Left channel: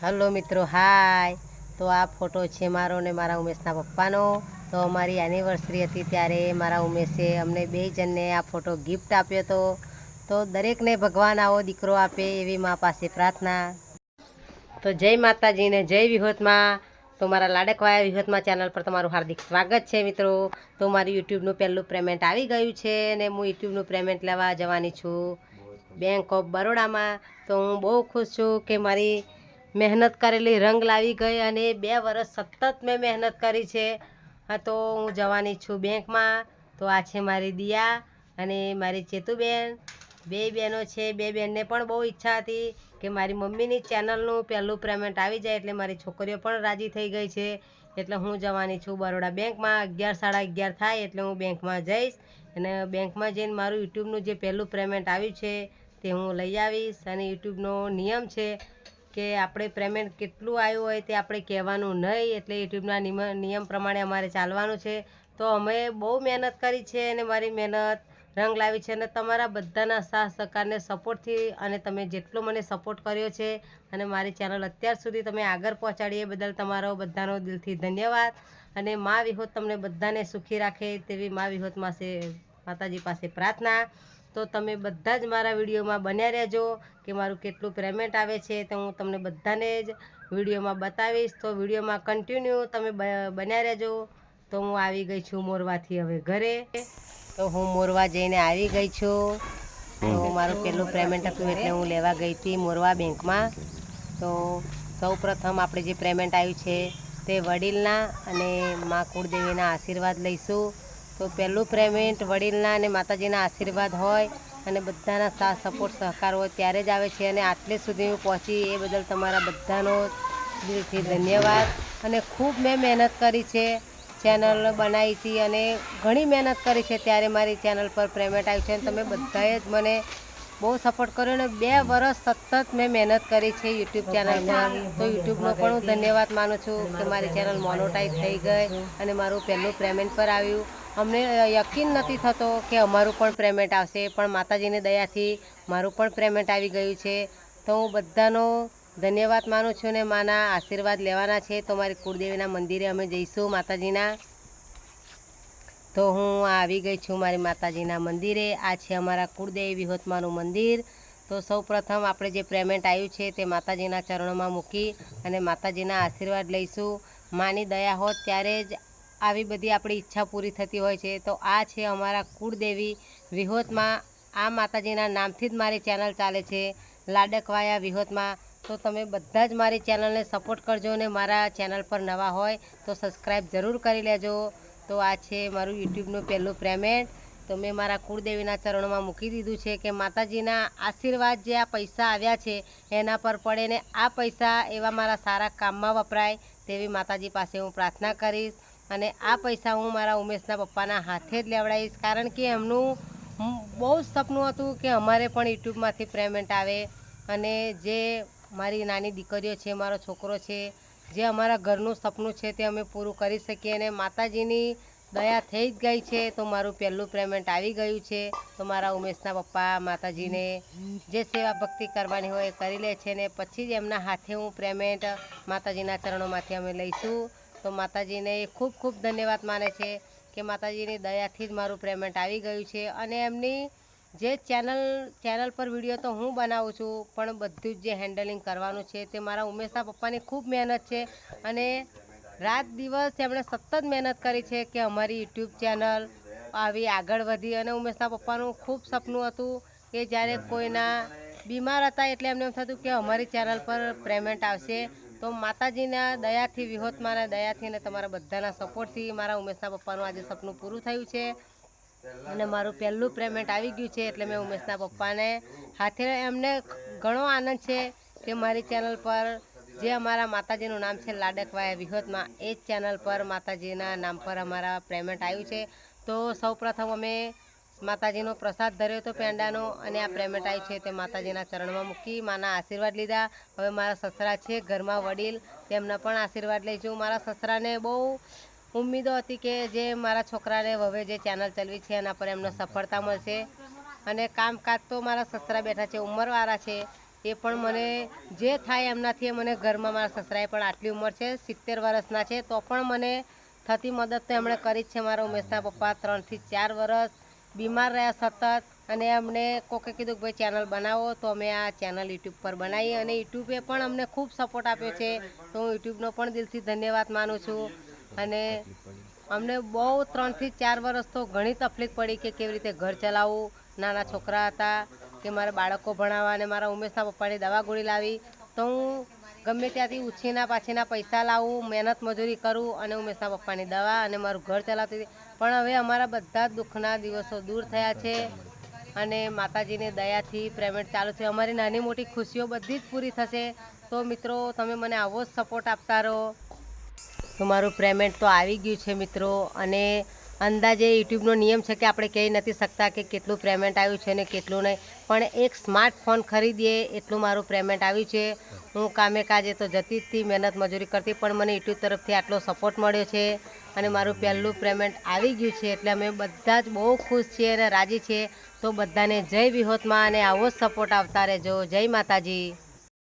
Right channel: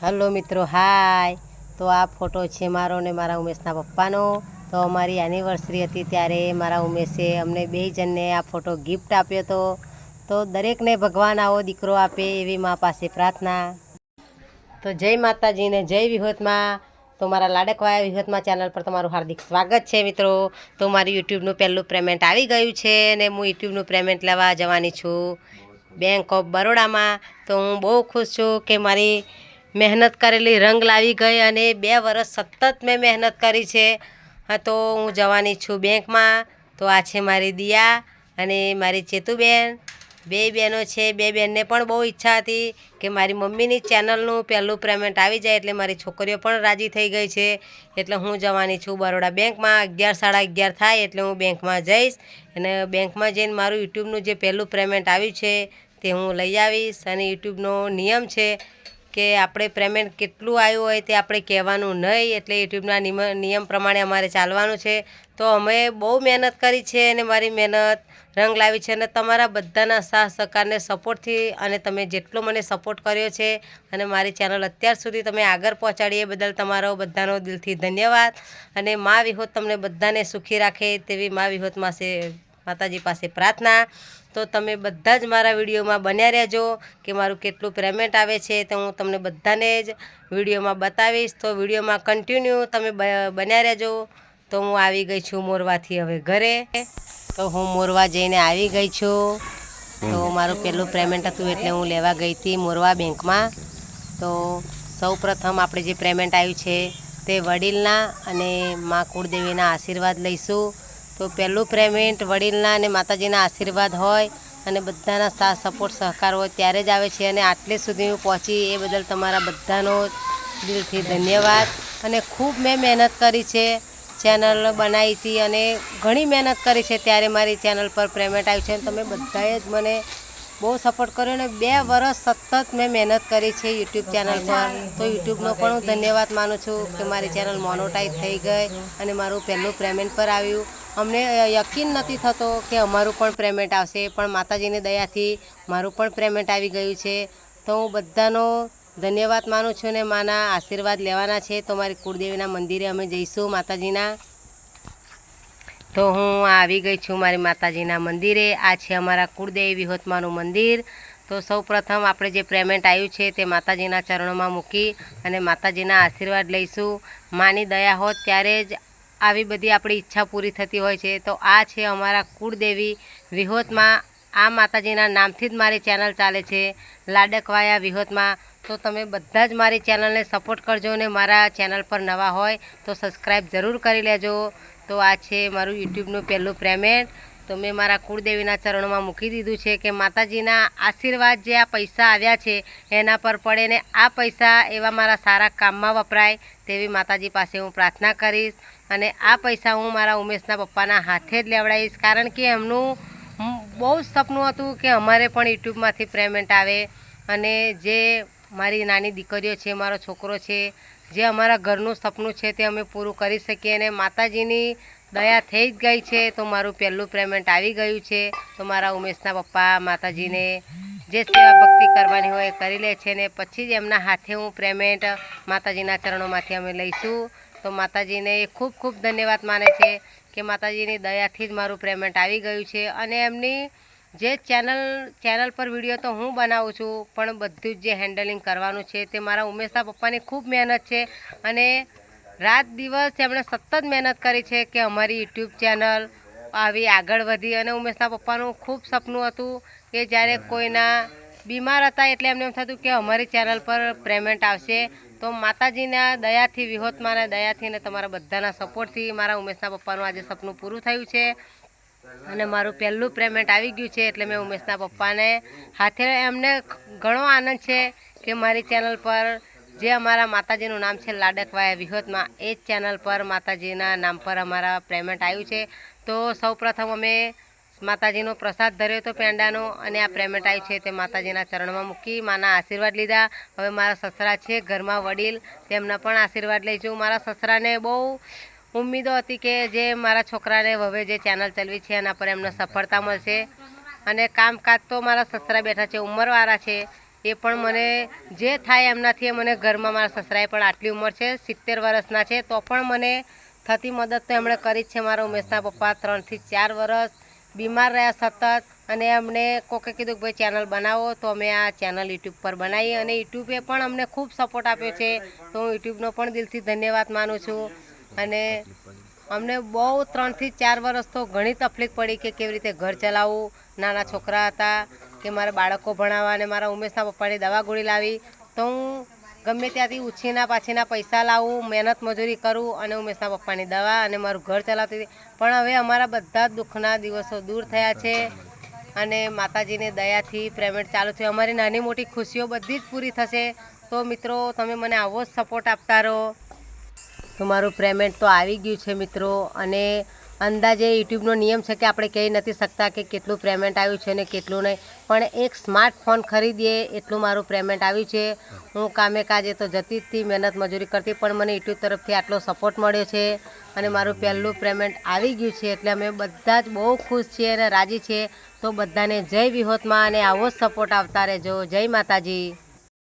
Hello મિત્રો, હાય. તો આ ફોટો છે મારો ને મારા ઉમેશના પપ્પાનો. તો અમારી એનિવર્સરી હતી ત્યારે મારા ઉમેશે અમને બે જણને આ ફોટો ગિફ્ટ આપ્યો હતો તો દરેકને ભગવાન આવો દીકરો આપે એવી મા પાસે પ્રાર્થના. તો જય માતાજીને જય વિહોતમાં. તો મારા લાડકવાયા વિહોતમાં ચેનલ પર તમારું હાર્દિક સ્વાગત છે મિત્રો. તો મારી યુટ્યુબનું પહેલું પેમેન્ટ આવી ગયું છે ને હું યુટ્યુબનું પેમેન્ટ લેવા જવાની છું. બેંક ઓફ બરોડામાં તો હું બહુ ખુશ છું કે મારી મહેનત કરેલી, રંગ લાવી ગઈ અને બે વર્ષ સતત મેં મહેનત કરી છે. હા, તો હું જવાની છું બેંકમાં. તો આ છે મારી દિયા અને મારી ચેતુબેન. બે બહેનો છે. બે બહેનને પણ બહુ ઈચ્છા હતી કે મારી મમ્મીની ચેનલનું પહેલું પેમેન્ટ આવી જાય એટલે મારી છોકરીઓ પણ રાજી થઈ ગઈ છે. એટલે હું જવાની છું બરોડા બેંકમાં. અગિયાર સાડા અગિયાર થાય એટલે હું બેંકમાં જઈશ અને બેંકમાં જઈને મારું યુટ્યુબનું જે પહેલું પેમેન્ટ આવ્યું છે તે હું લઈ આવીશ અને યુટ્યુબનો નિયમ છે કે આપણે પેમેન્ટ કેટલું આવ્યું હોય તે આપણે કહેવાનું નહીં. એટલે યુટ્યુબના નિયમ પ્રમાણે અમારે ચાલવાનું છે. તો અમે બહુ મહેનત કરી છે અને મારી મહેનત રંગ લાવી છે અને તમારા બધાના સાથ, સહકારને સપોર્ટથી અને તમે જેટલો મને સપોર્ટ કર્યો છે અને મારી ચેનલ અત્યાર સુધી તમે આગળ પહોંચાડી એ બદલ તમારો બધાનો દિલથી ધન્યવાદ. અને મા વિહોત તમને બધાને સુખી રાખે તેવી મા વિહોત માસે, માતાજી પાસે પ્રાર્થના. તો તમે બધા જ મારા વિડીયોમાં બન્યા રહેજો કે મારું કેટલું પેમેન્ટ આવે છે તો હું તમને બધાને જ વિડીયોમાં બતાવીશ. તો વિડીયોમાં કન્ટિન્યુ તમે બન્યા રહેજો. તો હું આવી ગઈ છું મોરવાથી હવે ઘરે. તો હું મોરવા જઈને આવી ગઈ છું. તો મારું પહેલું પેમેન્ટ હતું એટલે હું લેવા ગઈ હતી મોરવા બેંકમાં. તો સૌ પ્રથમ આપણે જે પેમેન્ટ આવ્યું છે તે વડીલના અને મા કુળદેવીના આશીર્વાદ લઈશું. તો પહેલું પેમેન્ટ વડીલના અને માતાજીના આશીર્વાદ હોય અને બધાના સાથ સપોર્ટ સહકાર હોય ત્યારે જ આવે છે અને આટલે સુધી હું પહોંચી એ બદલ તમારા બધાનો દિલથી ધન્યવાદ. અને ખૂબ મેં મહેનત કરી છે, ચેનલ બનાવી હતી અને ઘણી મહેનત કરી છે ત્યારે મારી ચેનલ પર પેમેન્ટ આવ્યું છે અને તમે બધાએ જ મને બહુ સપોર્ટ કર્યો અને બે વર્ષ સતત મેં મહેનત કરી છે યુટ્યુબ ચેનલ પર તો યુટ્યુબનો પણ હું ધન્યવાદ માનું છું કે મારી ચેનલ મોનોટાઈઝ થઈ ગઈ અને મારું પહેલું પેમેન્ટ પર આવ્યું. અમને યકીન નથી થતો કે અમારું પણ પેમેન્ટ આવશે, પણ માતાજીની દયાથી મારું પણ પેમેન્ટ આવી ગયું છે. તો હું બધાનો ધન્યવાદ માનું છું ને માના આશીર્વાદ લેવાના છે. તો મારી કુળદેવીના મંદિરે અમે જઈશું માતાજીના. તો હું આવી ગઈ છું મારી માતાજીના મંદિરે. આ છે અમારા કુળદેવી વિહોતમાનું મંદિર. તો સૌ પ્રથમ આપણે જે પેમેન્ટ આવ્યું છે તે માતાજીના ચરણોમાં મૂકી અને માતાજીના આશીર્વાદ લઈશું. માની દયા હોત ત્યારે જ આવી બધી આપણી ઈચ્છા પૂરી થતી હોય છે. તો આ છે અમારા કુળદેવી વિહોતમાં. આ માતાજીના નામથી જ મારી ચેનલ ચાલે છે. લાડકવાયા વિહોતમાં. તો તમે બધા જ મારી ચેનલને સપોર્ટ કરજો અને મારા ચેનલ પર નવા હોય તો સબસ્ક્રાઈબ જરૂર કરી લેજો. તો આ છે મારું યુટ્યુબનું પહેલું પેમેન્ટ તો મેં મારા કુળદેવીના ચરણોમાં મૂકી દીધું છે કે માતાજીના આશીર્વાદ જે આ પૈસા આવ્યા છે, એના પર પડે ને આ પૈસા એવા મારા સારા કામમાં વપરાય તેવી માતાજી પાસે હું પ્રાર્થના કરીશ. અને આ પૈસા હું મારા ઉમેશના પપ્પાના હાથે જ લેવડાવીશ. કારણ કે એમનું બહુ સપનું હતું કે અમારે પણ યુટ્યુબમાંથી પેમેન્ટ આવે. અને જે મારી નાની દીકરીઓ છે, મારો છોકરો છે, જે અમારા ઘરનું સપનું છે તે અમે પૂરું કરી શકીએ અને માતાજીની દયા થઈ જ ગઈ છે, તો મારું પહેલું પેમેન્ટ આવી ગયું છે. તો મારા ઉમેશના પપ્પા માતાજીને જે સેવા ભક્તિ કરવાની હોય એ કરી લે છે ને પછી જ એમના હાથે હું પેમેન્ટ માતાજીના ચરણોમાંથી અમે લઈશું. તો માતાજીને ખૂબ ખૂબ ધન્યવાદ માને છે કે માતાજીની દયાથી જ મારું પેમેન્ટ આવી ગયું છે અને એમની જે ચેનલ ચેનલ પર વીડિયો તો હું બનાવું છું, પણ બધું જ જે હેન્ડલિંગ કરવાનું છે તે મારા ઉમેશા પપ્પાની ખૂબ મહેનત છે અને રાત દિવસ એમણે સતત મહેનત કરી છે કે અમારી યુટ્યુબ ચેનલ આવી આગળ વધી અને ઉમેશના પપ્પાનું ખૂબ સપનું હતું કે જ્યારે કોઈના બીમાર હતા એટલે એમને એમ થતું કે અમારી ચેનલ પર પેમેન્ટ આવશે, તો માતાજીના દયાથી, વિહોતમાના દયાથી અને તમારા બધાના સપોર્ટથી મારા ઉમેશના પપ્પાનું આજે સપનું પૂરું થયું છે. અને મારું પહેલું પેમેન્ટ આવી ગયું છે એટલે મેં ઉમેશના પપ્પાને હાથે એમને ઘણો આનંદ છે કે મારી ચેનલ પર જે અમારા માતાજીનું નામ છે લાડકવાયા વિહોતમાં, એ જ ચેનલ પર માતાજીના નામ પર અમારા પેમેન્ટ આવ્યું છે. તો સૌપ્રથમ અમે માતાજીનો પ્રસાદ ધર્યો હતો પેંડાનો અને આ પેમેન્ટ આવ્યું છે તે માતાજીના ચરણમાં મૂકી, માના આશીર્વાદ લીધા. હવે મારા સસરા છે ઘરમાં વડીલ, તેમના પણ આશીર્વાદ લઈશું મારા સસરાને બહુ ઉમ્મીદો હતી કે જે મારા છોકરાને હવે જે ચેનલ ચલાવી છે એના પર એમને સફળતા મળશે. અને કામકાજ તો મારા સસરા બેઠા છે, ઉંમરવાળા છે, એ પણ મને જે થાય એમનાથી મને ઘરમાં મારા સસરાએ પણ આટલી ઉંમર છે, સિત્તેર વર્ષના છે, તો પણ મને થતી મદદ તો એમણે કરી જ છે મારા ઉમેશના પપ્પા ત્રણથી ચાર વર્ષ, બીમાર રહ્યા સતત, અને અમને કોકે કીધું કે, ભાઈ ચેનલ બનાવો. તો અમે આ ચેનલ યુટ્યુબ પર બનાવી અને યુટ્યુબે પણ અમને ખૂબ સપોર્ટ આપ્યો છે. તો હું યુટ્યુબનો પણ દિલથી ધન્યવાદ માનું છું. અને અમને બહુ ત્રણથી ચાર વર્ષ તો ઘણી તકલીફ પડી કે કેવી રીતે ઘર ચલાવવું નાના છોકરા હતા કે મારા બાળકો ભણાવવા અને મારા ઉમેશના પપ્પાની દવા ગોળી લાવી તો હું ગમે ત્યાંથી ઉછીના પાછીના પૈસા લાવું મહેનત મજૂરી કરું અને ઉમેશના પપ્પાની દવા અને મારું ઘર ચલાવતી હતી. પણ હવે અમારા બધા જ દુઃખના દિવસો દૂર થયા છે અને માતાજીની દયાથી પેમેન્ટ ચાલુ થયું. અમારી નાની મોટી ખુશીઓ બધી જ પૂરી થશે. તો મિત્રો તમે મને આવો જ સપોર્ટ આપતા રહો. તો મારું પેમેન્ટ તો આવી ગયું છે મિત્રો. અને અંદાજે યુટ્યુબનો નિયમ છે કે આપણે કહી નથી શકતા કે કેટલું પેમેન્ટ આવ્યું છે ને કેટલું નહીં. પણ એક સ્માર્ટફોન ખરીદીએ એટલું મારું પેમેન્ટ આવ્યું છે. હું કામે કાજે તો જતી જ મહેનત મજૂરી કરતી, પણ મને યુટ્યુબ તરફથી આટલો સપોર્ટ મળ્યો છે અને મારું પહેલું પેમેન્ટ આવી ગયું છે. એટલે અમે બધા જ બહુ ખુશ છીએ અને રાજી છીએ. તો બધાને જય વિહોતમાં અને આવો જ સપોર્ટ આવતા રહેજો. જય માતાજી.